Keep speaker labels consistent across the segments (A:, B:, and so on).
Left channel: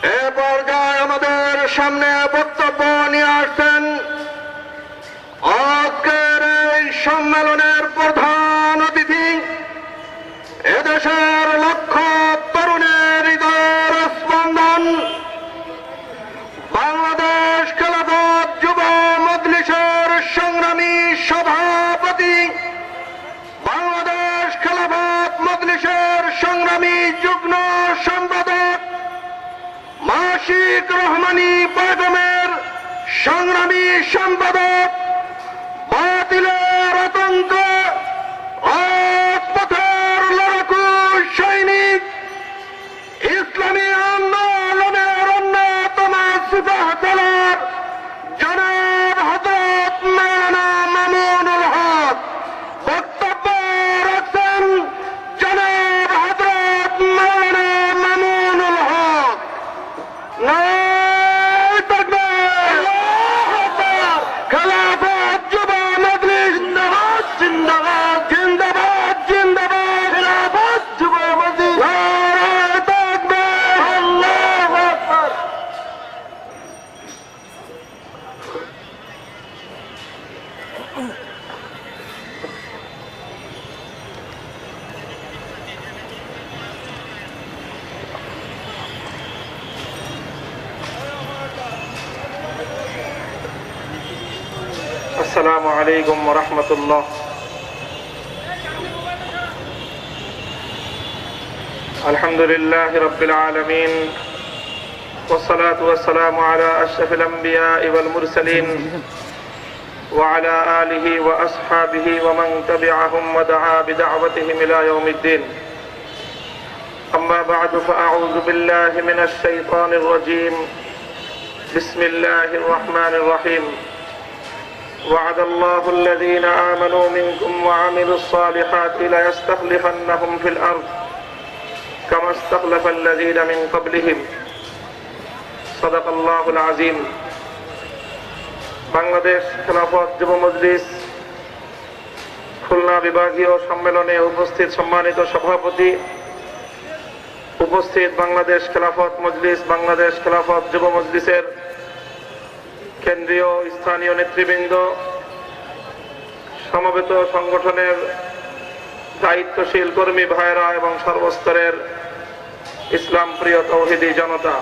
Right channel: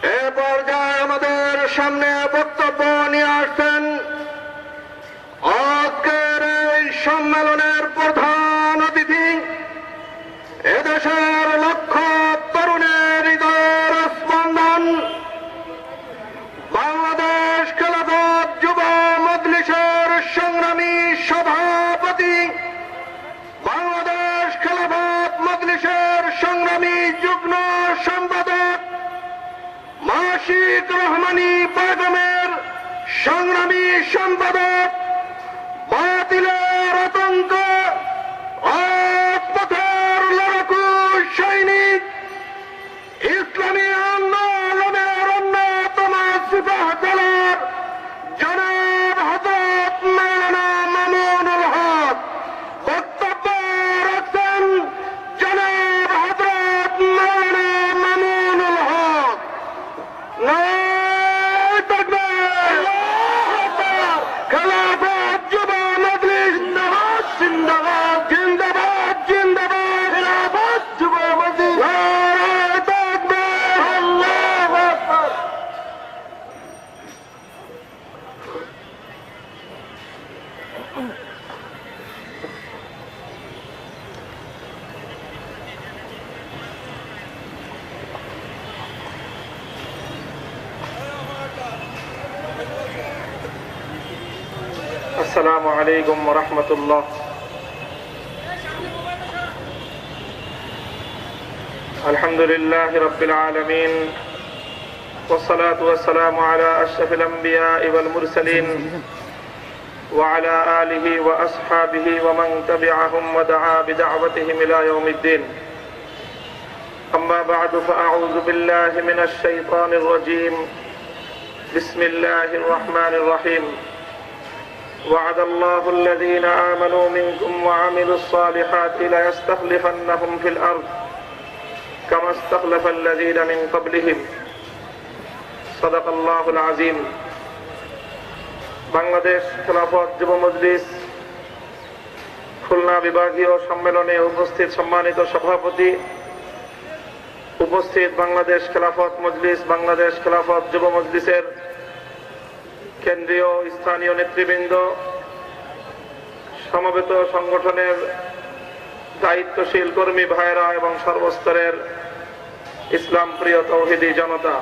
A: এ পর্যায়ে আমাদের সামনে বক্তব্য নিয়ে আসছেন আজকের এই সম্মেলনের প্রধান অতিথি এদেশের হবে
B: السلام عليكم ورحمة الله. الحمد لله رب العالمين والصلاة والسلام على أشرف الأنبياء والمرسلين وعلى آله وأصحابه ومن تبعهم ودعا بدعوتهم إلى يوم الدين. أما بعد فأعوذ بالله من الشيطان الرجيم. بسم الله الرحمن الرحيم. وعد الله الذين آمنوا منكم وعملوا الصالحات ليستخلفنهم في الأرض كما استخلف الذين من قبلهم صدق الله العظيم বাংলাদেশ খেলাফত যুব মজলিস খুলনা বিভাগীয় সম্মেলনে উপস্থিত সম্মানিত সভাপতি উপস্থিত বাংলাদেশ খেলাফত মজলিস বাংলাদেশ খেলাফত যুব মজলিসের কেন্দ্রীয় স্থানীয় নেতৃবৃন্দ, সমবেত সংগঠনের দায়িত্বশীল কর্মী ভাইরা এবং সর্বস্তরের ইসলাম প্রিয় তৌহিদি জনতা।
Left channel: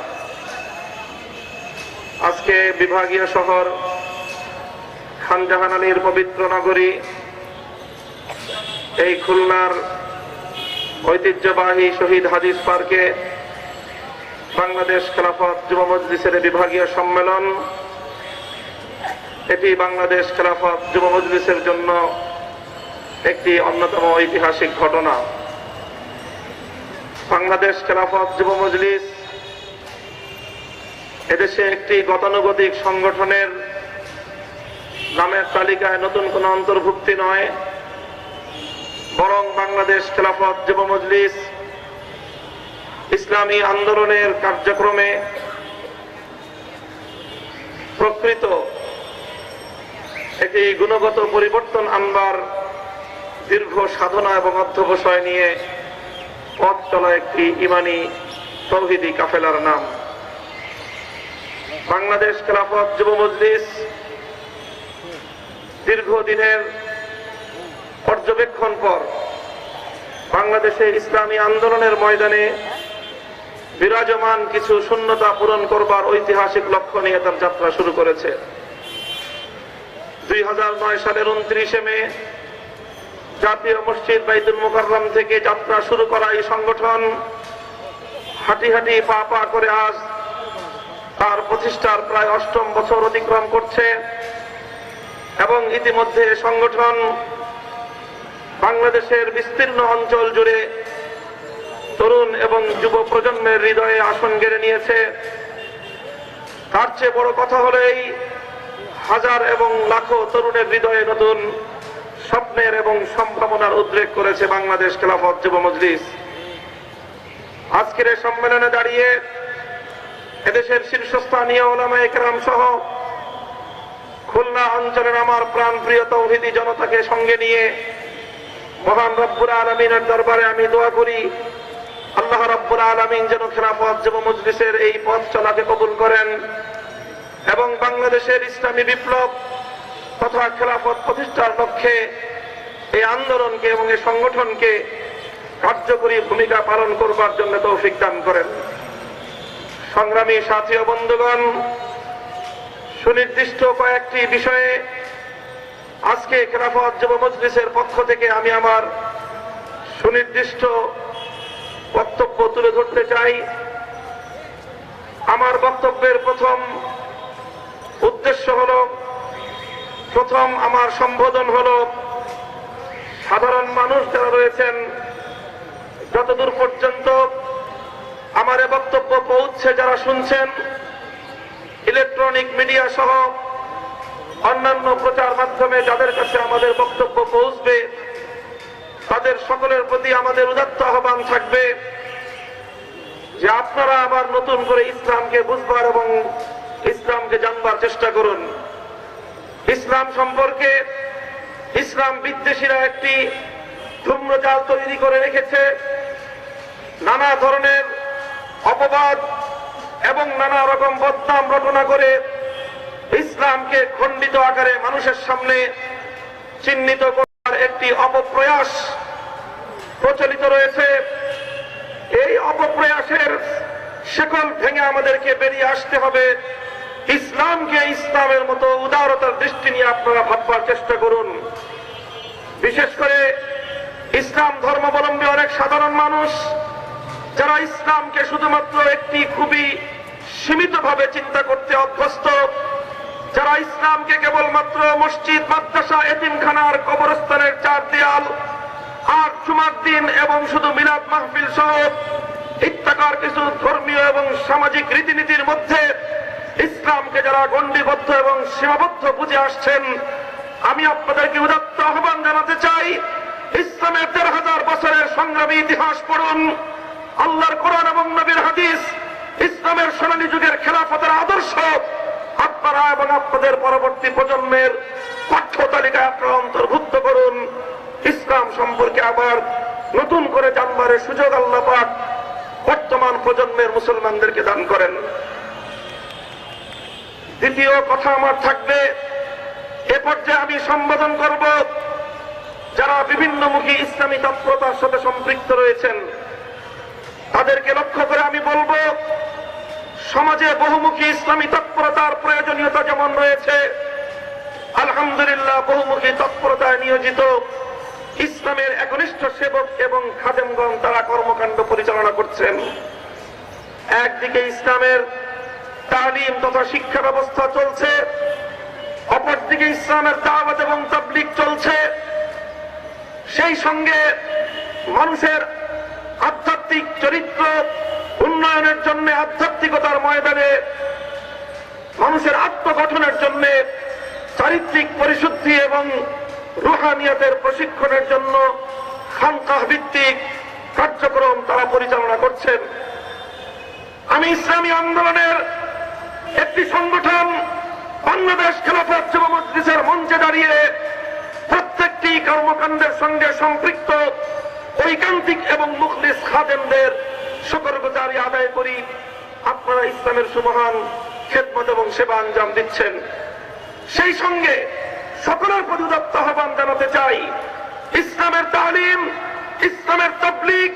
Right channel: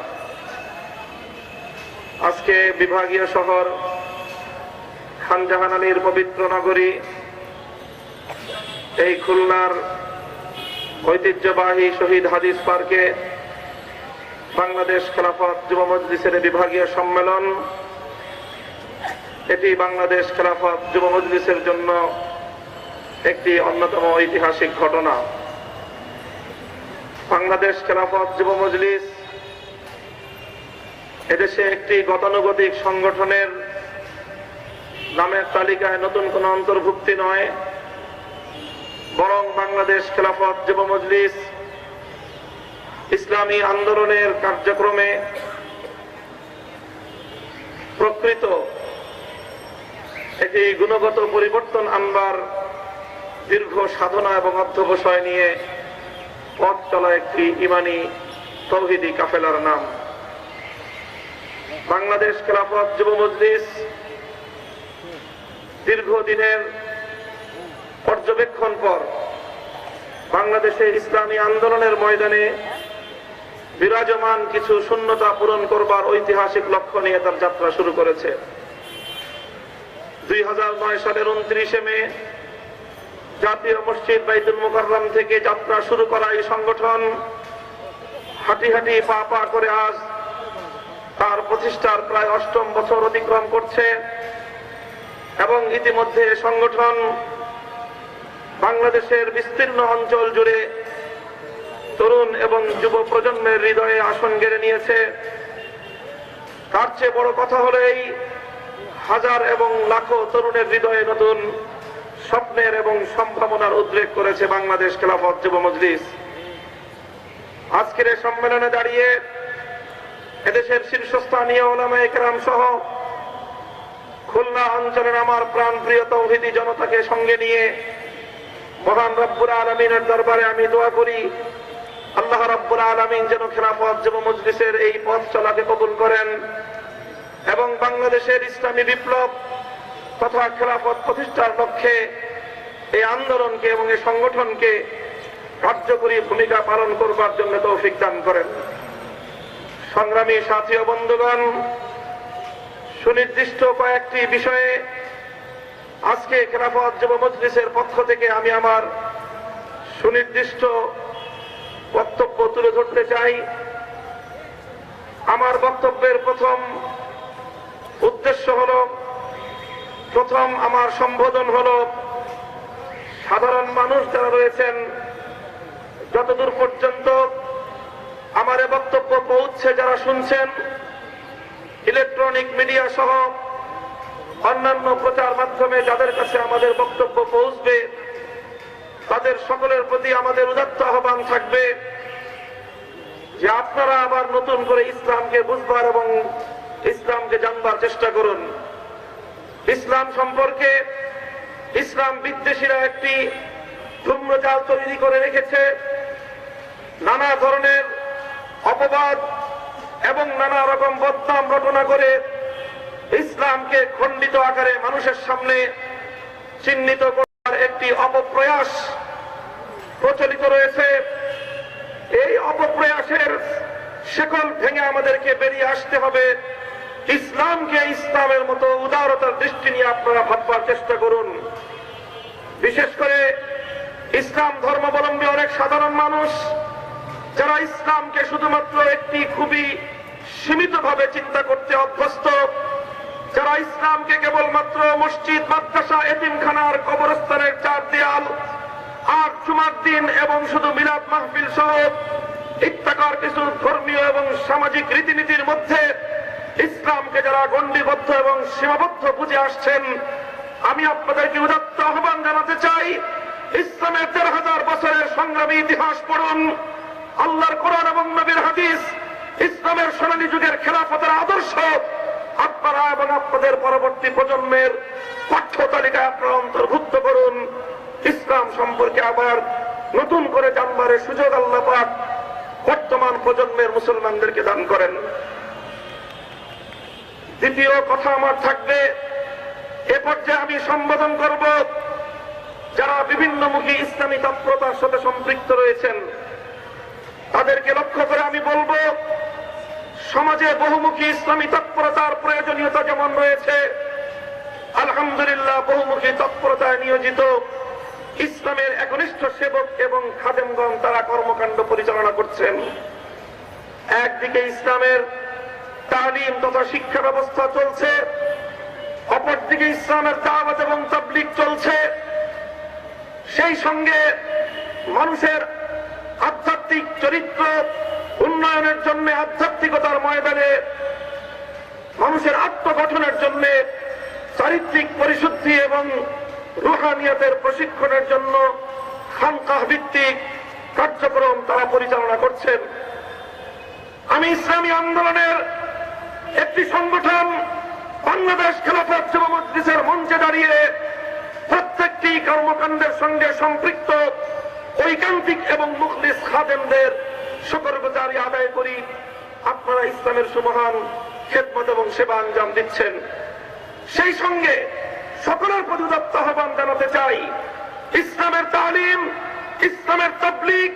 B: আজকে বিভাগীয় শহর খানজাহান আলীর পবিত্র নগরী, এই খুলনার ঐতিহ্যবাহী শহীদ হাদিস পার্কে বাংলাদেশ খেলাফত যুব মজলিসের বিভাগীয় সম্মেলন এটি বাংলাদেশ খেলাফত যুব মজলিসের জন্য একটি অন্যতম ঐতিহাসিক ঘটনা। বাংলাদেশ খেলাফত যুব মজলিস এদেশে একটি গতানুগতিক সংগঠনের নামের তালিকায় নতুন কোন অন্তর্ভুক্তি নয়। বরং বাংলাদেশ খেলাফত যুব মজলিস ইসলামী আন্দোলনের কার্যক্রমে প্রকৃত একটি গুণগত পরিবর্তন আনবার দীর্ঘ সাধনা এবং অধ্যবসায় নিয়ে পথ চলা একটি ইমানি তৌহিদি কাফেলার নাম। বাংলাদেশ খেলাফত যুব মজলিস দীর্ঘদিনের পর্যবেক্ষণ পর বাংলাদেশে ইসলামী আন্দোলনের ময়দানে বিরাজমান কিছু শূন্যতা পূরণ করবার ঐতিহাসিক লক্ষ্য নিয়ে তার যাত্রা শুরু করেছে। দুই হাজার নয় সালের উনত্রিশে মে জাতীয় মসজিদ মোকাররম থেকে যাত্রা শুরু করা এই সংগঠন হাঁটি হাঁটি পা পা করে তার প্রতিষ্ঠার প্রায় অষ্টম বছর অতিক্রম করছে এবং ইতিমধ্যে সংগঠন বাংলাদেশের বিস্তীর্ণ অঞ্চল জুড়ে তরুণ এবং যুব প্রজন্মের হৃদয়ে আসন গেড়ে নিয়েছে। তার চেয়ে বড় কথা হলো এই হাজার এবং লাখো তরুণের হৃদয়ে নতুন স্বপ্নের এবং সম্ভাবনার উদ্রেক করেছে বাংলাদেশ খেলাফত যুব মজলিস। আজকের এই সম্মেলনে দাঁড়িয়ে এদেশের শীর্ষস্থানীয় ওলামা একরাম সহ খুলনা অঞ্চলের আমার প্রাণ প্রিয় তৌহিদি জনতাকে সঙ্গে নিয়ে মহান রব্বুর আলমিনের দরবারে আমি দোয়া করি, আল্লাহ রাব্বুল আলামিন যেন খেলাফত যুব মজলিসের এই পথ চলাকে কবুল করেন। এবং বাংলাদেশের ইসলামী বিপ্লব তথা খেলাফত প্রতিষ্ঠার লক্ষ্যে এই আন্দোলনকে এবং এই সংগঠনকে কার্যকরী ভূমিকা পালন করবার জন্য তৌফিক দান করেন। সংগ্রামী সাথী বন্ধুগণ, সুনির্দিষ্ট কয়েকটি বিষয়ে আজকে খেলাফত যুব মজলিসের পক্ষ থেকে আমি আমার সুনির্দিষ্ট বক্তব্য তুলে ধরতে চাই। আমার বক্তব্যের প্রথম উদ্দেশ্য হল, প্রথম আমার সম্বোধন হল, সাধারণ মানুষ যারা রয়েছেন, যতদূর পর্যন্ত আমার এ বক্তব্য পৌঁছছে যারা শুনছেন, ইলেকট্রনিক মিডিয়া সহ অন্যান্য প্রচার মাধ্যমে যাদের কাছে আমাদের বক্তব্য পৌঁছবে, তাদের সকলের প্রতি আমাদের উদাত্ত আহ্বান থাকবে যে আপনারা আবার নতুন করে ইসলামকে বুঝবার এবং ইসলামকে জানবার চেষ্টা করুন। ইসলাম সম্পর্কে ইসলাম বিদ্বেষীরা একটি ধূম্রজাল তৈরি করে রেখেছে। নানা ধরনের অপবাদ এবং নানা রকম বদনাম রচনা করে ইসলামকে খণ্ডিত আকারে মানুষের সামনে চিহ্নিত করার একটি অপপ্রয়াস প্রচলিত রয়েছে। এই অপপ্রয়াসের শেকল ভেঙে আমাদেরকে বেরিয়ে আসতে হবে। ইসলামকে ইসলামের মতো উদারতার দৃষ্টি নিয়ে আপনারা ভাববার চেষ্টা করুন। বিশেষ করে ইসলাম ধর্মাবলম্বী অনেক সাধারণ মানুষ, যারা ইসলামকে শুধুমাত্র একটি খুবই সীমিতভাবে চিন্তা করতে অভ্যস্ত, যারা ইসলামকে কেবলমাত্র মসজিদ, মাদ্রাসা, এতিমখানার কবরস্থানের চার দেয়াল, আর জুমার দিন এবং শুধু মিলাদ মাহফিল সহ ইত্যাকার কিছু ধর্মীয় এবং সামাজিক রীতিনীতির মধ্যে ইসলামকে যারা গণ্ডিবদ্ধ এবং সীমাবদ্ধ বুঝে আসছেন, আমি আপনাদেরকে উদাত্ত আহ্বান জানাতে চাই, ইসলামের দেড় হাজার বছরের সংগ্রামী ইতিহাস পড়ুন, আল্লাহর কোরআন এবং নবীর হাদিস, ইসলামের সোনালী যুগের খেলাফতের আদর্শ, আপনারা এবং আপনাদের পরবর্তী প্রজন্মের পাঠ্য তালিকায় আপনারা অন্তর্ভুক্ত করুন। ইসলাম সম্পর্কে আবার নতুন করে জানবারের সুযোগ আল্লাহ পাক বর্তমান প্রজন্মের মুসলমানদেরকে দান করেন। দ্বিতীয় কথা আমার থাকবে, এ পর্যায়ে আমি সম্বোধন করব যারা বিভিন্নমুখী ইসলামী তৎপরতার সাথে সম্পৃক্ত রয়েছেন। তাদেরকে লক্ষ্য করে আমি বলব, সমাজে বহুমুখী ইসলামী তৎপরতার প্রয়োজনীয়তা যেমন রয়েছে, আলহামদুলিল্লাহ বহুমুখী তৎপরতায় নিয়োজিত ইসলামের একনিষ্ঠ সেবক এবং খাদেমগণ তারা কর্মকাণ্ড পরিচালনা করছেন। একদিকে ইসলামের তালিম তথা শিক্ষা ব্যবস্থা চলছে। অপরদিকে ইসলামের দাওয়াত এবং তাবলিক চলছে। সেই সঙ্গে মানুষের আধ্যাত্মিক চরিত্র উন্নয়নের জন্য, আধ্যাত্মিকতার ময়দানে, মানুষের আত্মগঠনের জন্য, চারিত্রিক পরিশুদ্ধি এবং রুহানিয়াতের প্রশিক্ষণের জন্য খানকাহ ভিত্তিক কার্যক্রম তারা পরিচালনা করছেন। আমি ইসলামী আন্দোলনের একটি সংগঠন বাংলাদেশ খেলাফত যুব মজলিসের মঞ্চে দাঁড়িয়ে প্রত্যেকটি কর্মকাণ্ডের সঙ্গে সম্পৃক্ত ঐকান্তিক এবং মুখলিস খাদেমদের শুকরগুজারি আদায় করি। আপনারা ইসলামের সুমহান খেদমত এবং সেবা আঞ্জাম দিচ্ছেন। সেই সঙ্গে সকলের প্রতি উদাত্ত আহ্বান জানাতে চাই। ইসলামের তালিম, ইসলামের তবলিগ,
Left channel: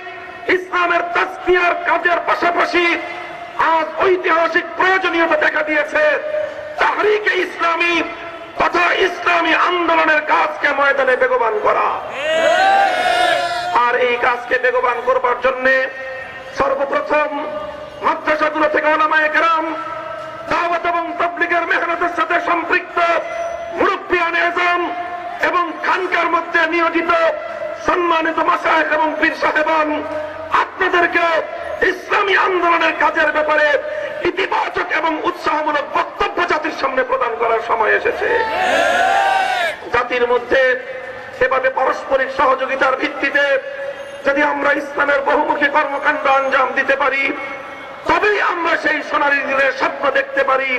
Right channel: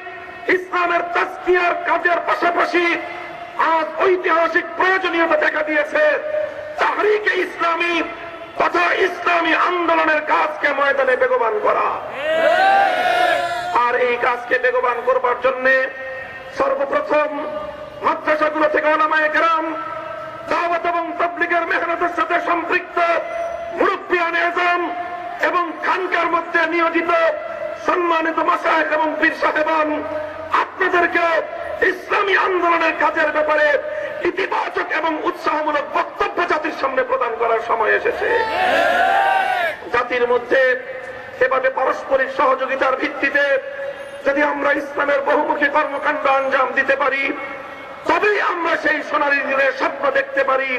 B: ইসলামের তাস্কিয়ার কাজের পাশাপাশি আজ ঐতিহাসিক প্রয়োজনীয়তা দেখা দিয়েছে। তাহরিকে ইসলামী তথা ইসলামী আন্দোলনের কাজকে ময়দানে বেগবান করা। আর এই কাজকে বেগবান করবার জন্য সর্বপ্রথম মাদ্রাসাগুলো থেকে ওলামায়ে কেরাম দাওয়াত এবং তবলিগের মেহনতের সাথে সম্পৃক্ত মুরব্বিয়ান এজম এবং খানকার মধ্যে নিয়োজিত সম্মানিত মাসাহেব এবং পীর সাহেবান, আপনাদেরকে ইসলামী আন্দোলনের কাজের ব্যাপারে ইতিবাচক এবং উৎসাহমূলক বক্তব্য জাতির সামনে প্রদান করার সময় এসেছে। জাতির মধ্যে এভাবে পারস্পরিক সহযোগিতার ভিত্তিতে যদি আমরা ইসলামের বহুমুখী কর্মকাণ্ড আঞ্জাম দিতে পারি, তবেই আমরা সেই সোনালী দিনের স্বপ্ন দেখতে পারি,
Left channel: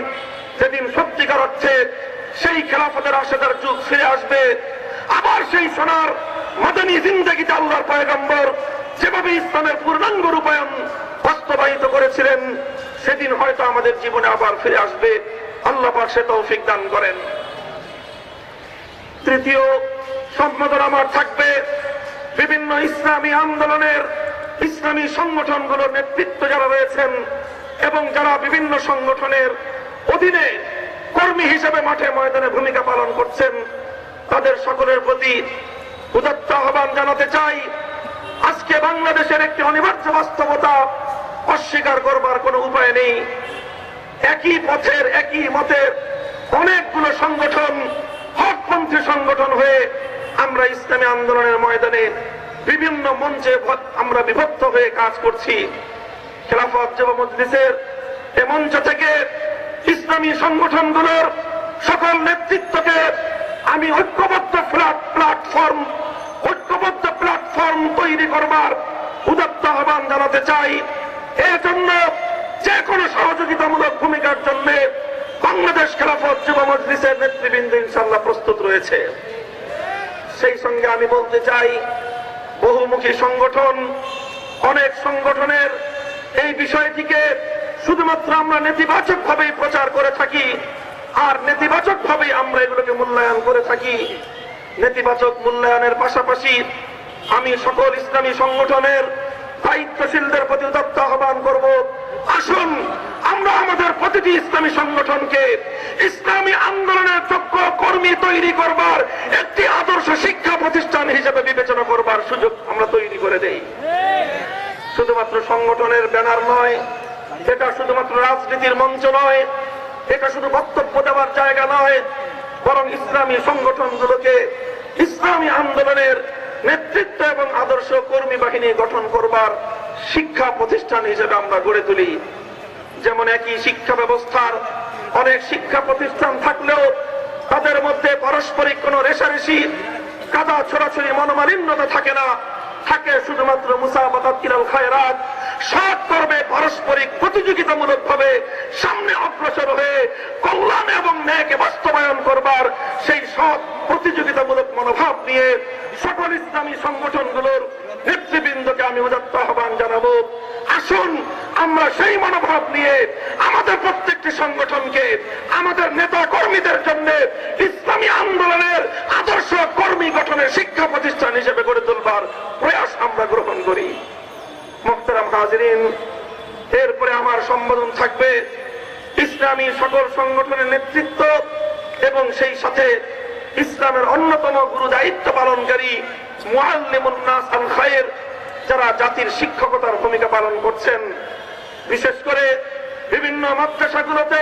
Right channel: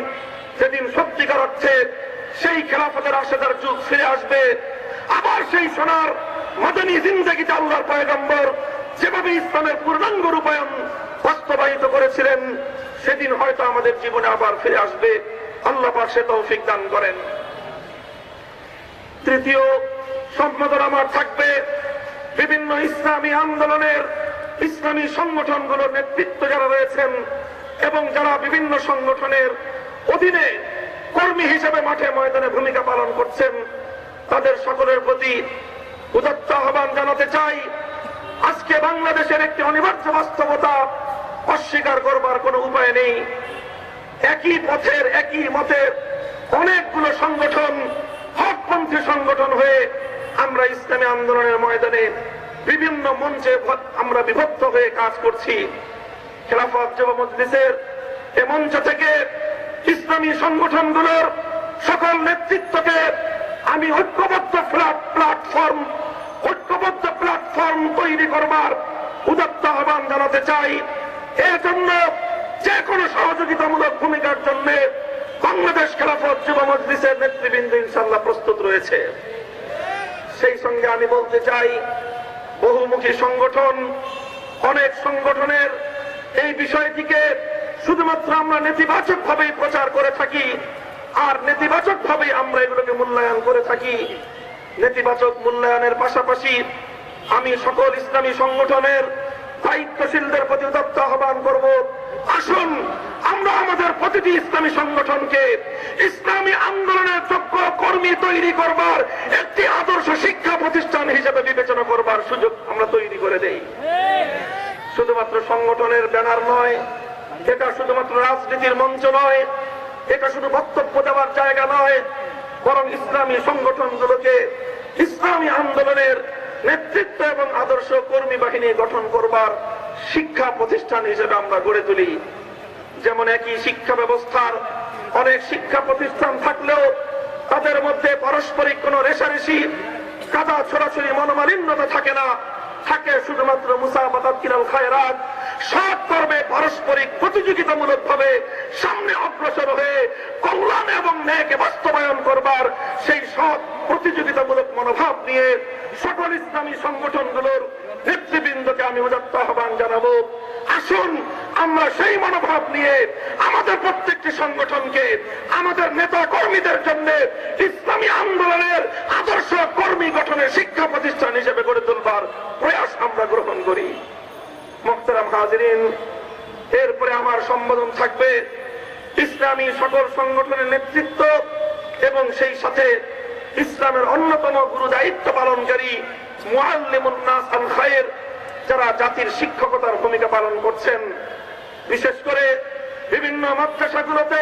B: যেদিন সত্যিকার অর্থে সেই খেলাফতের আশেদার যুগ ফিরে আসবে। আবার সেই সোনার মাদানী জিন্দগিতে আল্লাহর পয়গম্বর যেভাবে ইসলামের পূর্ণাঙ্গ রূপায়ণ বাস্তবায়িত করেছিলেন, সেদিন হয়তো আমাদের জীবনে আবার ফিরে আসবে। আল্লাহ সে তৌফিক দান করেন। তৃতীয় সম্বোধন আমার থাকবে, বিভিন্ন ইসলামী আন্দোলনের ইসলামী সংগঠনগুলোর নেতৃত্ব যারা রয়েছেন এবং যারা বিভিন্ন সংগঠনের অধীনে কর্মী হিসেবে মাঠে ময়দানে ভূমিকা পালন করছেন, তাদের সকলের প্রতি উদাত্ত আহ্বান জানাতে চাই। আজকে বাংলাদেশের একটি অনিবার্য বাস্তবতা অস্বীকার করবার কোনো উপায় নেই। একই পথের, একই মতের অনেকগুলো সংগঠন, হকপন্থী সংগঠন হয়ে আমরা ইসলামী আন্দোলনের ময়দানে বিভিন্ন মঞ্চে আমরা বিভক্ত হয়ে কাজ করছি। খেলাফত যুব মজলিসের এ মঞ্চ থেকে ইসলামী সংগঠনগুলোর সকল নেতৃত্বকে আমি ঐক্যবদ্ধ প্ল্যাটফর্ম ঐক্যবদ্ধ প্ল্যাটফর্ম তৈরি করবার উদাত্ত আহ্বান জানাতে চাই। এজন্য জন্য যে কোনো সহযোগিতামূলক ভূমিকার জন্য বাংলাদেশ খেলাফত যুব মজলিসের নেতৃবৃন্দ ইনশাল্লাহ প্রস্তুত রয়েছে। সেই সঙ্গে আমি বলতে চাই, বহুমুখী সংগঠন, অনেক সংগঠনের এই বিষয়টিকে শুধুমাত্র আমরা নেতিবাচক ভাবেই প্রচার করে থাকি, আর নেতিবাচক ভাবেই আমরা এগুলোকে মূল্যায়ন করে থাকি। নেতিবাচক মূল্যায়নের পাশাপাশি আমি সকল ইসলামী সংগঠনের দায়িত্বশীলদের প্রতি উদাত্ত আহ্বান করব। আসুন, আমরা আমাদের প্রতিটি ইসলামী সংগঠনকে ইসলামী আন্দোলনের যোগ্য কর্মী তৈরি করবার, একটি আদর্শ শিক্ষা প্রতিষ্ঠান হিসেবে বিবেচনা করবার সুযোগ আমরা তৈরি করে দেই। শুধুমাত্র সংগঠনের ব্যানার নয়, এটা শুধুমাত্র রাজনীতির মঞ্চ নয়, এটা শুধু বক্তব্য দেওয়ার জায়গা নয়, বরং ইসলামী সংগঠনগুলোকে ইসলামী আন্দোলনের নেতৃত্ব এবং আদর্শ কর্মী বাহিনী গঠন করবার শিক্ষা প্রতিষ্ঠান হিসেবে আমরা গড়ে তুলি। যেমন একই শিক্ষা ব্যবস্থার অনেক শিক্ষা প্রতিষ্ঠান থাকলেও তাদের মধ্যে পারস্পরিক কোন রেশারেশি, কাদা ছড়াছড়ি, মনোমালিন্যতা থাকে না। থাকে শুধুমাত্র মুসাবাতাত কিরাল খায়রাত। সৎ কর্মে পারস্পরিক প্রতিযোগিতামূলক ভাবে সামনে অগ্রসর হয়ে কল্যাণ এবং ন্যায়কে বাস্তবায়ন করবার সেই সৎ প্রতিযোগিতামূলক মনোভাব নিয়ে সকল ইসলামী সংগঠনগুলোর নেতৃবৃন্দকে আমি উদাত্ত আহ্বান জানাব। আসুন, আমরা সেই মনোভাব নিয়ে আমাদের প্রত্যেকটি সংগঠনকে, আমাদের নেতা কর্মীদের জন্য ইসলামী আন্দোলনের আদর্শ কর্মী গঠনের শিক্ষা প্রতিষ্ঠান হিসেবে গড়ে তুলবার প্রয়াস আমরা গ্রহণ করি। মোহতারাম হাজরিন, এরপরে আমার সম্বোধন থাকবে ইসলামী সকল সংগঠনের নেতৃত্ব এবং সেই সাথে ইসলামের অন্যতম গুরু দায়িত্ব পালনকারী যারা জাতির শিক্ষকতার ভূমিকা পালন করছেন। বিশেষ করে বিভিন্ন মাদ্রাসাগুলোতে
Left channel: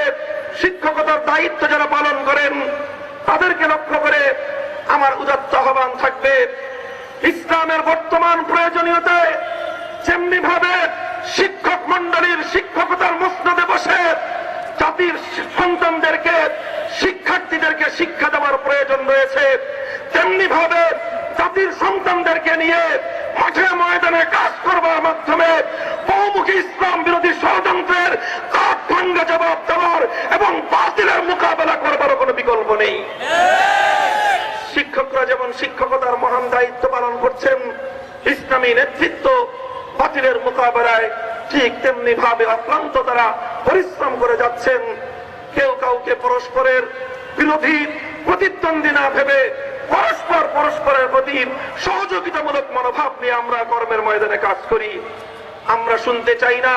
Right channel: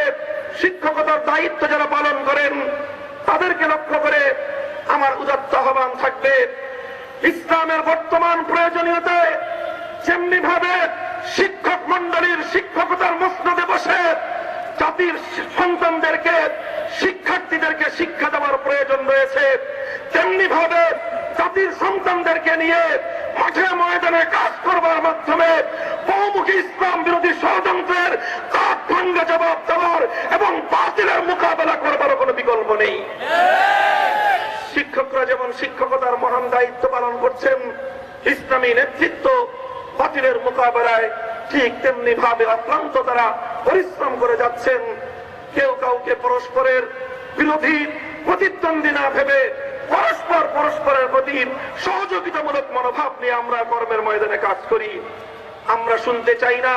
B: শিক্ষকতার দায়িত্ব যারা পালন করেন, তাদেরকে লক্ষ্য করে আমার উদাত্ত আহ্বান থাকবে। ইসলামের বর্তমান প্রয়োজনীয়তায় যেমনি ভাবে শিক্ষক মন্ডলীর শিক্ষকতার মসনদে বসে জাতির সন্তানদেরকে, শিক্ষার্থীদেরকে শিক্ষা দেওয়ার প্রয়োজন রয়েছে। তেমনি ভাবে জাতির সন্তানদেরকে নিয়ে মাঠে ময়দানে কাজ করবার মাধ্যমে বহুমুখী ইসলাম বিরোধী ষড়যন্ত্রের কাঠ ভাঙ্গা জবাব দেওয়ার এবং বাতিলের মোকাবেলা করবার কোনো বিকল্প নেই। শিক্ষকরা যেমন শিক্ষকতার মহান দায়িত্ব পালন করছেন, ইসলামী নেতৃত্ব বাতিলের মোকাবেলায় ঠিক তেমনি ভাবে অক্লান্ত তারা পরিশ্রম করে যাচ্ছেন। কেউ কাউকে পরস্পরের বিরোধী প্রতিদ্বন্দ্বী না ভেবে পরস্পর পরস্পরের প্রতি সহযোগিতামূলক মনোভাব নিয়ে আমরা কর্মের ময়দানে কাজ করি। আমরা শুনতে চাই না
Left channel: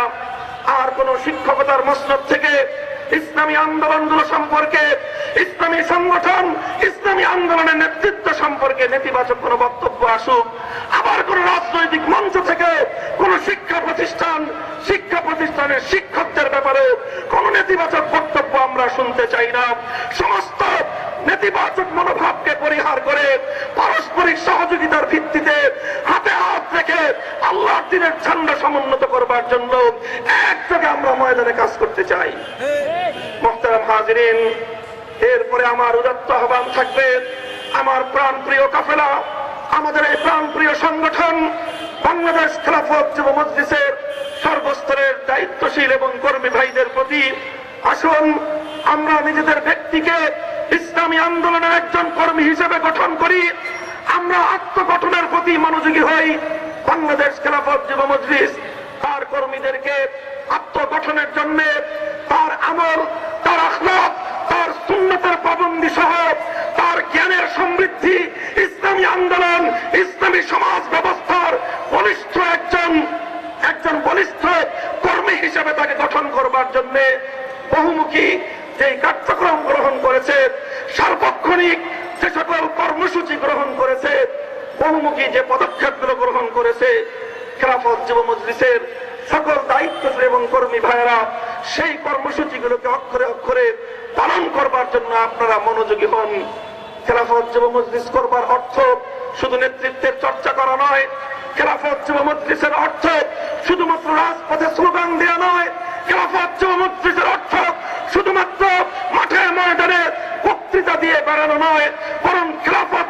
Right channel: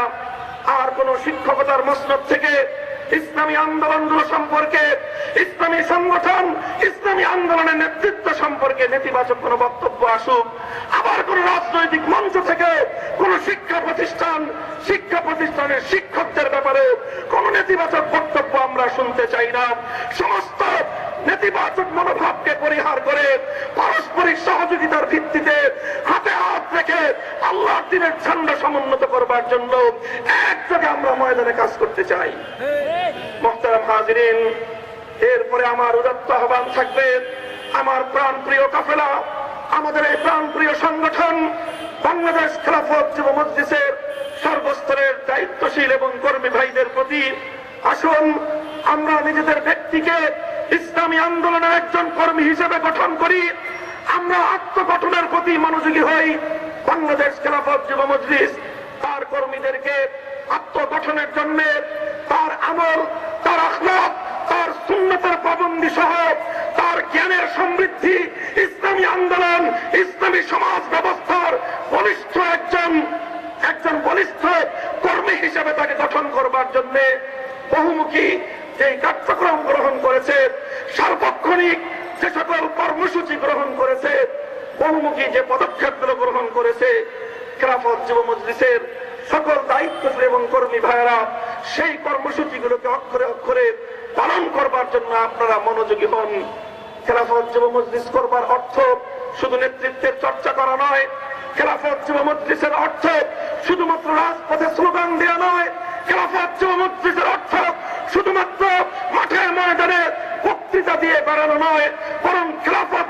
B: আর কোন শিক্ষকতার মসনদ থেকে ইসলামী আন্দোলনগুলো সম্পর্কে, ইসলামী সংগঠন, ইসলামী আন্দোলনের নেতৃত্ব সম্পর্কে নেতিবাচক কোন বক্তব্য আসুক। আবার কোন রাজনৈতিক মঞ্চ থেকে কোন শিক্ষা প্রতিষ্ঠান শিক্ষা প্রতিষ্ঠানের শিক্ষকদের ব্যাপারে কোন নেতিবাচক বক্তব্য আমরা শুনতে চাই না। সমস্ত নেতিবাচক মনোভাবকে পরিহার করে পারস্পরিক সহযোগিতার ভিত্তিতে হাতে হাত রেখে আল্লাহর দিনের ঝান্ডা সমুন্নত করবার জন্য একযোগে আমরা ময়দানে কাজ করতে চাই। মোহতারাম হাজরিন, এরপরে আমার উদাত্ত আহ্বান থাকবে, আমার প্রাণ প্রিয় কাফেলা, আমাদের এই প্রাণ প্রিয় সংগঠন বাংলাদেশ খেলাফত যুব মজলিসের সর্বস্তরের দায়িত্বশীল এবং কর্মী ভাইদের প্রতি আসুন, আমরা নিজেদের ব্যক্তিকে ইসলামী আন্দোলনের একজন কর্মী হিসেবে গঠন করি। আমরা আত্মগঠনের প্রতি মনোযোগী হই। বাংলাদেশ খেলাফত যুব মজলিস, তার কর্মীদেরকে আত্মগঠনের জন্য, তার আমল, তার আখলাক তার সুন্নতের পাবন্দি সহ, তার জ্ঞানের সমৃদ্ধি, ইসলামী আন্দোলন, ইসলামী সমাজ ব্যবস্থার বলিষ্ঠ একজন একজন বলিষ্ঠ কর্মী হিসেবে তাকে গঠন করবার জন্য বহুমুখী যে কার্যক্রম গ্রহণ করেছে, সার্বক্ষণিক যে সকল কর্মসূচি গ্রহণ করেছে, বহুমুখী যে পদক্ষেপগুলো গ্রহণ করেছে, খেলাফত যুব মজলিসের সকল দায়িত্ব এবং কর্মী ভাইয়েরা, সেই কর্মসূচিগুলোকে অক্ষরে অক্ষরে পালন করবার জন্য আপনারা মনোযোগী হন। খেলাফত যুব মজলিস করবার অর্থ শুধু নেতৃত্বের চর্চা করা নয়, খেলাফত যুব মজলিসের অর্থ শুধুমাত্র রাজপথে স্লোগান দেওয়া নয় খেলাফত মজলিসের অর্থ শুধুমাত্র মাঠে ময়দানে বক্তৃতা দিয়ে বেড়ানো নয়, বরং খেলাফত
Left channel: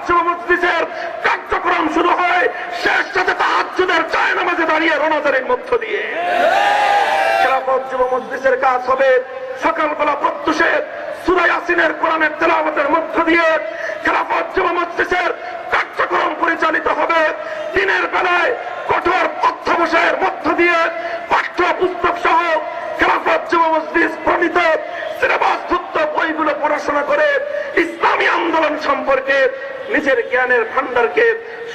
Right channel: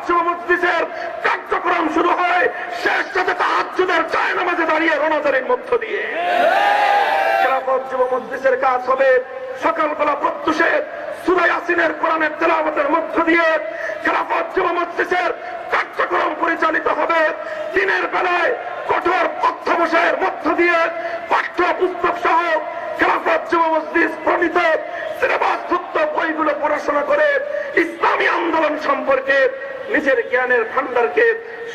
B: কার্যক্রম শুরু হয় শেষ সাথে চায় দাঁড়িয়ে মধ্য দিয়ে। খেলাফত কাজ হবে সকালবেলা প্রত্যুষে সুরাই আসিনের কোরআনের মধ্য দিয়ে খেলাফত কার্যক্রম পরিচালিত হবে। দিনের বেলায় কঠোর অধ্যবসায়ের মধ্য দিয়ে পাঠ্য পুস্তক সহ খেলাফত যুব বইগুলো পড়াশোনা করে ইসলামী আন্দোলন সম্পর্কে নিজের জ্ঞানের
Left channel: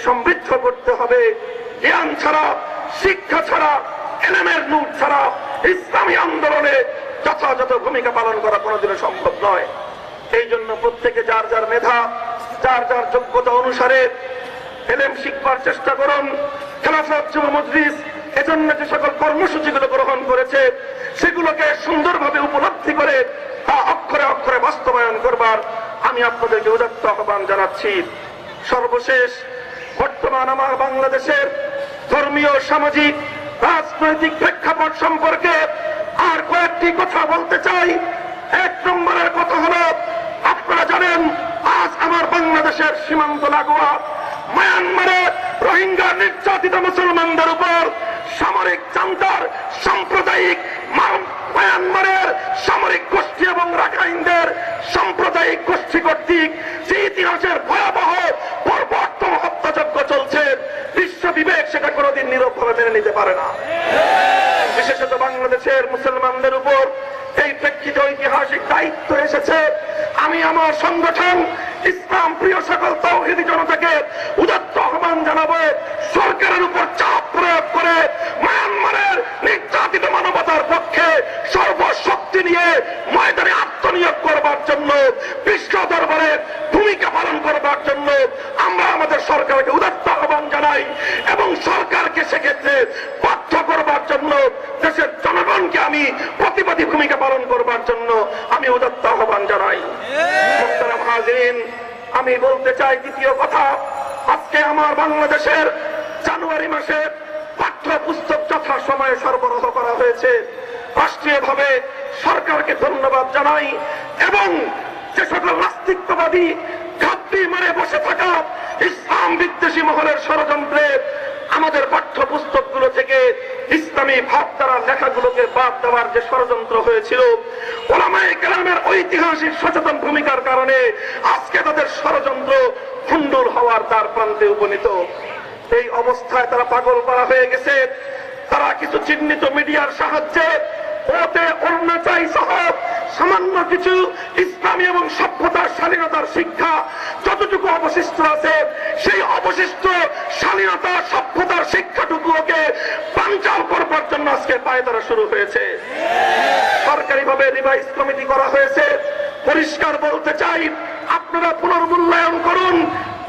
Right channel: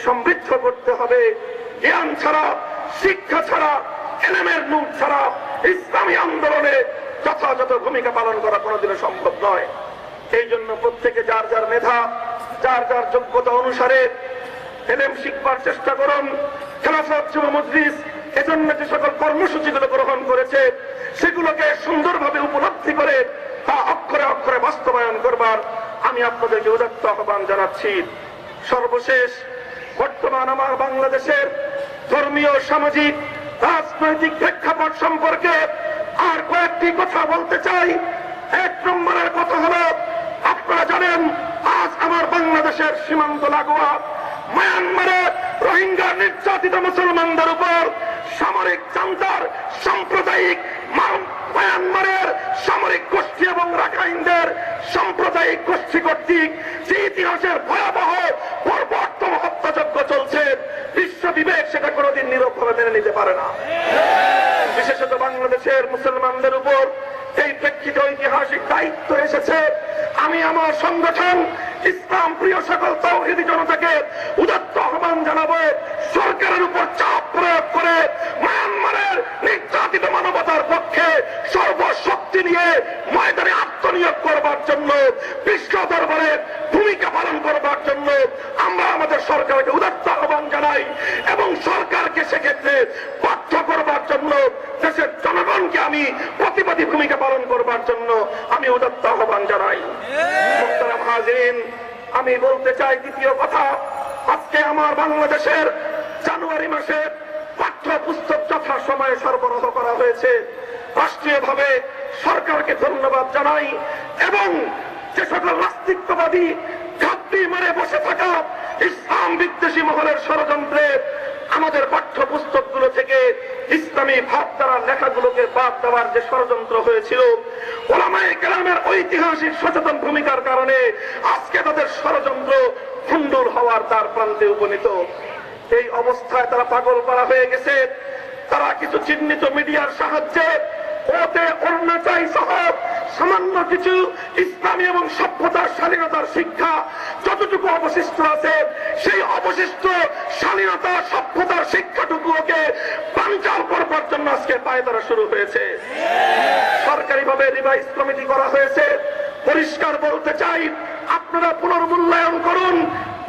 B: সমৃদ্ধ করতে হবে। জ্ঞান ছাড়া, শিক্ষা ছাড়া, এলেমের নূর ছাড়া ইসলামী আন্দোলনে যথাযথ ভূমিকা পালন করা কোনোদিনও সম্ভব নয়। এই জন্য প্রত্যেকে যার যার মেধা, যার যার যোগ্যতা অনুসারে এলেম শিখবার চেষ্টা করুন। খেলাফত যুব মজলিস এজন্য যে সকল কর্মসূচিগুলো গ্রহণ করেছে, সেগুলোকে সুন্দরভাবে উপলব্ধি করে তা অক্ষরে অক্ষরে বাস্তবায়ন করবার আমি আপনাদেরকে উদাত্ত আহ্বান জানাচ্ছি। সর্বশেষ, বর্তমান আমার বাংলাদেশের ধর্মীয়, সামাজিক, রাজনৈতিক প্রেক্ষাপট সম্পর্কে আর কয়েকটি কথা বলতে চাই। এক নম্বরের কথা হলো, আপনারা জানেন, আজ আমার বাংলাদেশের সীমান্ত লাগোয়া মায়ানমারে রোহিঙ্গা নির্যাতিত মুসলমানদের উপর সামরিক চান্তার সাম্প্রদায়িক মায়ানমারের সামরিক গোষ্ঠী এবং রাখাইনদের সাম্প্রদায়িক গোষ্ঠী কর্তৃক যে ইতিহাসের ভয়াবহ পরবর্তম হত্যাযজ্ঞ চলছে, বিশ্ব বিবেক সেটা কোনোদিন নীরবভাবে মেনে নিতে পারে না। বিশেষত বাংলাদেশের মুসলমানদের উপর এই প্রেক্ষিতে ঐতিহাসিক দায়িত্ব এসেছে, আমি আমার সংগঠন ইসলাম, প্রিয় সকল তৌহিদি জনতাকে উদত্ত আহ্বান জানাব, সরকারের উপর চাপ প্রয়োগ করে মায়ানমারের নির্যাতিত মানবতার পক্ষে সর্বশক্তি নিয়ে ময়দানে আত্মনিয়োগ করবার জন্য, বিশ্ব দরবারে ভূমিকা পালন করবার জন্য আমরা আমাদের সরকারকে উদাত্ত আহ্বান জানাই এবং সরকারকে সেক্ষেত্রে বাধ্য আমি প্রতিবাদী ভূমিকা পালন করবার জন্য আমি উদাত্ত আহ্বান জানাই। আমি বলতে চাই দ্বিতীয় কথা, আজকে আমার বাংলাদেশের জানুয়ারি মাসে পাঠ্য পুস্তক যথা সময়ে সরবরাহ করা হয়েছে। রাষ্ট্রীয়ভাবে সরকারকে ধন্যবাদ জানাই এবং যে সকল নাস্তিকবাদী ঘাপটি মারে বসে থাকা ইসলাম বিদ্বেষী মহলের ষড়যন্ত্রে আমাদের পাঠ্য পুস্তকগুলো থেকে ইসলামী ভাবধারা লেখাগুলোকে বাদ দেওয়ার যে ষড়যন্ত্র হয়েছিল, ওলামায়ে কেলামের ঐতিহাসিক সচেতন ভূমিকার কারণে আজকে তাদের ষড়যন্ত্র খুন্ডুর হওয়ার তার প্রান্তে উপনীত। এই অবস্থায় তারা পাগল করা হয়ে গেছে। তারা কিছু চিহ্নিত মিডিয়ার সাহায্যে ওতে অরুণাচাই সহ সামান্য কিছু ইসলামী এবং সভ্যতার স্বাধীনতার শিক্ষা যতটুকু অবশিষ্ট আছে, সেই অবশিষ্ট স্বাধীনতা সভ্যতার শিক্ষাটুকুকে পাঞ্চাল করবার জন্য আজকে পায়তারা শুরু হয়েছে। সরকারিভাবে রিভাইজ কমিটি করা হয়েছে। পরিষ্কার বলতে চাই, আপনারা পুনর্মূল্যায়ন করুন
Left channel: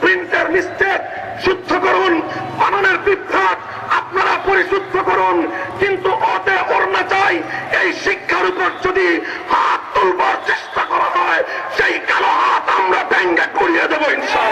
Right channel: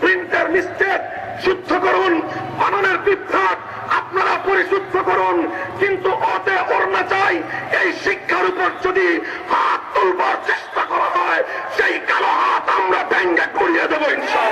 B: প্রিন্টার মিস্টেক শুদ্ধ করুন, বানানের বিভ্রাট আপনারা পরিশুদ্ধ করুন, কিন্তু অতে ওড়না চাই। এই শিক্ষার উপর যদি হাত তুলবার চেষ্টা করা হয়, সেই কালো হাত আমরা ভেঙ্গে করিয়ে দেবো ইনশাল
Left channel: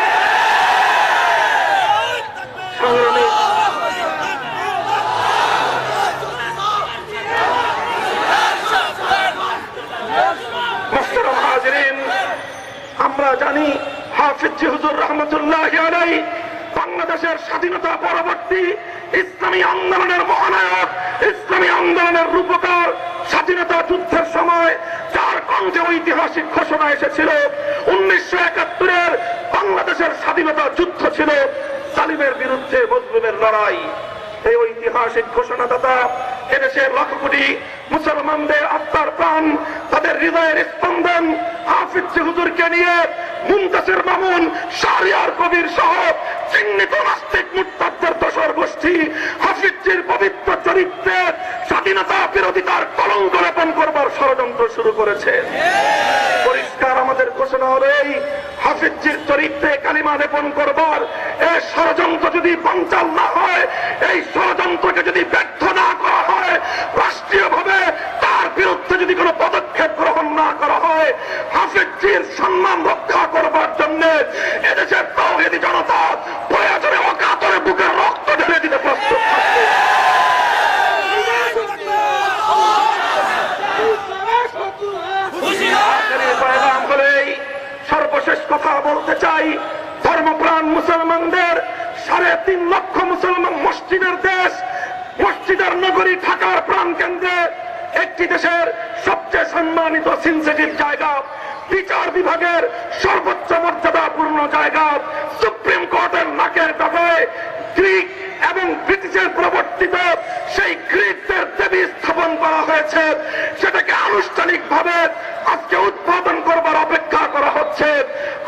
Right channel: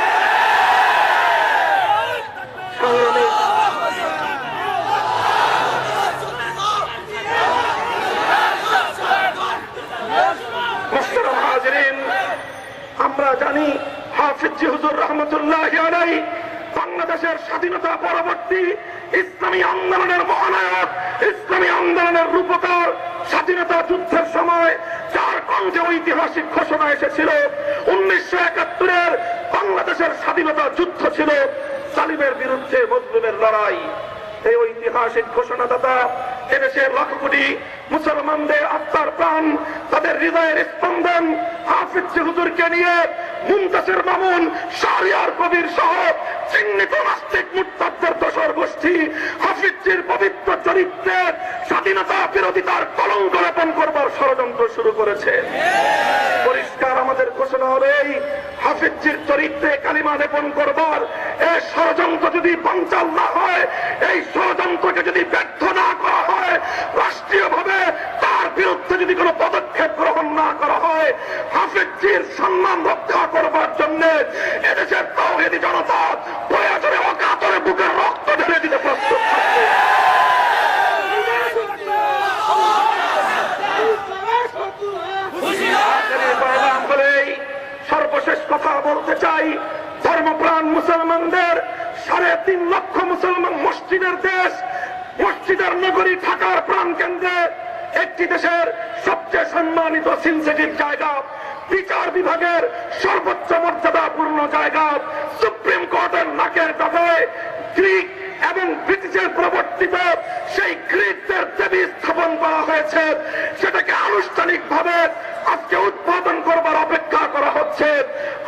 B: বাংলাদেশের স্বাধীনতা পরবর্তী ইসলামী আন্দোলনের মহানায়ক, ইসলামী আন্দোলনের রূপকার, স্বাধীনতা যুদ্ধের সময় যার কণ্ঠে ঐতিহাসিক ঘোষণা এসেছিল। উনিশশো একাত্তরের বাংলাদেশের স্বাধীনতা যুদ্ধ ছিল সালিমের বিরুদ্ধে মজলুমের লড়াই। এই ঐতিহাসিক ঘোষণাদাতা এদেশের লক্ষ কোটি মুসলমানদের আত্মার প্রাণ, তাদের হৃদয়ের স্পন্দন হাফিজ হুজুরকে নিয়ে মুমতাসের মামুন, শাহরিয়ার কবির সহ চিহ্নিত নাস্তিক গোষ্ঠী হাফিজির পবিত্র চরিত্রে স্বাধীনতা বিরোধিতার কলঙ্ক লেপন করবার ষড়যন্ত্র শুরু করেছে। পরিষ্কার আমাদের ঘোষণা হবে এই হাফিজির চরিত্রে কালিমা লেপন করবার এই ষড়যন্ত্র যদি পঞ্চাল না হয়, এই ষড়যন্ত্রকে যদি ব্যর্থ না করা হয়, রাষ্ট্রীয়ভাবে বিরুদ্ধে যদি কোনো পদক্ষেপ গ্রহণ না করা হয় হাফিজির সম্মান রক্ষা করবার জন্য এদেশের তৌহিদি জনতা প্রয়োজনে অকাতরে বুকের রক্ত ঢেলে দিতে প্রস্তুত থাকবে। সর্বশেষ কথা বলতে চাই, ধর্মপ্রাণ মুসলমানদের, সাড়ে তিন লক্ষ মুসলমান মসজিদের দেশ, মসজিদের নগরী ঢাকার প্রাণ কেন্দ্রে একটি দেশের সবচেয়ে সম্মানিত সিনসেটিভ জায়গা, বিচার বিভাগের সর্বোচ্চ মর্যাদাপূর্ণ জায়গা সুপ্রিম কোর্টের নাকের কাছে গ্রিক এবং ব্রিটিশের প্রবর্তিত সেই গ্রিকদের দেবী স্থাপন করা হয়েছে, সেটাকে আনুষ্ঠানিকভাবে আজকে উদ্বোধন করবার অপেক্ষা করা হচ্ছে।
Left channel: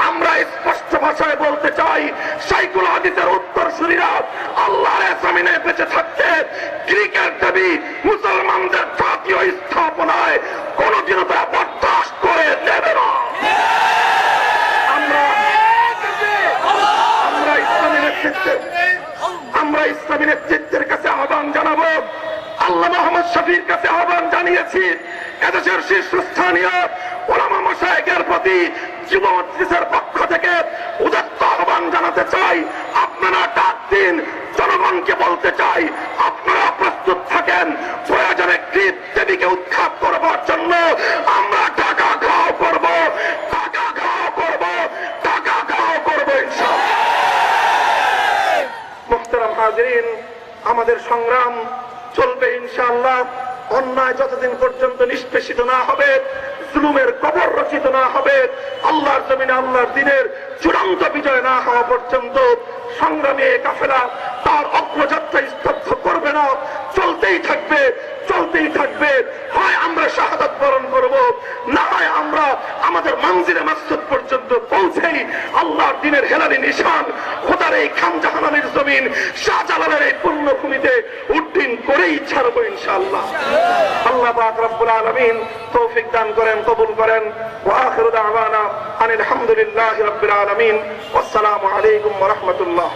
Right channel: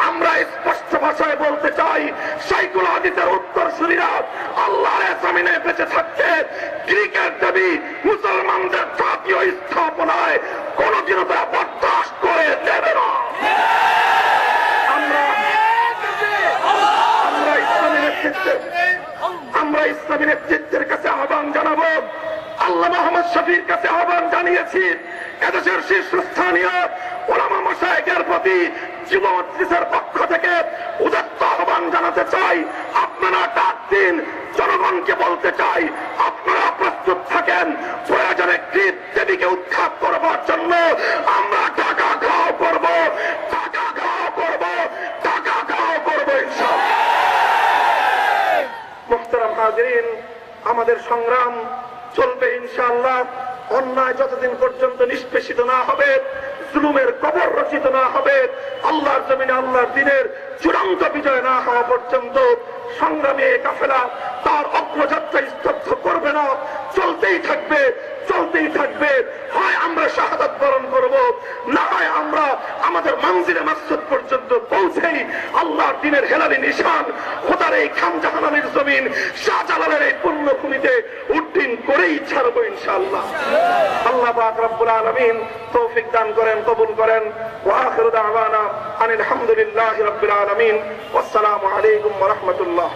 B: আমরা স্পষ্ট ভাষায় বলতে চাই, সাইকুল হাদিসের উত্তরসূরিরা আল্লাহর জমিনে বেঁচে থাকছে গ্রিকের দেবী মুসলমানদের জাতীয় স্থাপনায় কোনদিনও তারা বরদাস্ত করে দেবে না আমরা আমরা ইসলামী নেতৃত্বে নেতৃত্বের কাছে আহ্বান জানাব। আল্লাহ মোহাম্মদ শফির কাছে আহ্বান জানিয়েছি, এদেশের শীর্ষস্থানীয় ওলামা মশায়েকের প্রতি যুবমজলিসের পক্ষ থেকে উদাত্ত আহ্বান জানাতে চাই। আপনারা ডাক দিন, জনগণকে বলতে চাই, আপনারা প্রস্তুত থাকেন, প্রয়োজনে গ্রিপ দেবীকে উৎখাত করবার জন্য আমরা টাকা খাওয়া করব। হাজরিন আমাদের সংগ্রাম চলবে ইনশাআল্লাহ। অন্যায় যতদিন পর্যন্ত নিষ্পেষিত না হবে, জুলুমের কবর রচিত না হবে, আল্লাহর জমিনে আল্লাহর দিনের চূড়ান্ত বিজয় না হওয়া পর্যন্ত সংগ্রামী কাফেলা তার অগ্রযাত্রা স্তব্ধ করবে না, চলতেই থাকবে চলতেই থাকবে। হয় আমরা শাহাদাত বরণ করব, না হয় আমরা আমাদের মঞ্জিরে মাসুদ পর্যন্ত পৌঁছেই আল্লাহর দিনের হেলালি নিশান, খোদার এই খানজাহানের জমিন শাহজালালের এই পুণ্যভূমিতে উড্ডিন করেই ছাড়বো ইনশাআল্লাহ। আল্লাহ পাক রব্বুল আলামিন তৌফিক দান করেন, কবুল করেন। ওয়া আখিরু দাওয়ানা আনিল হামদুলিল্লাহি রাব্বিল আলামিন। ওয়াসসালামু আলাইকুম ওয়া রাহমাতুল্লাহ।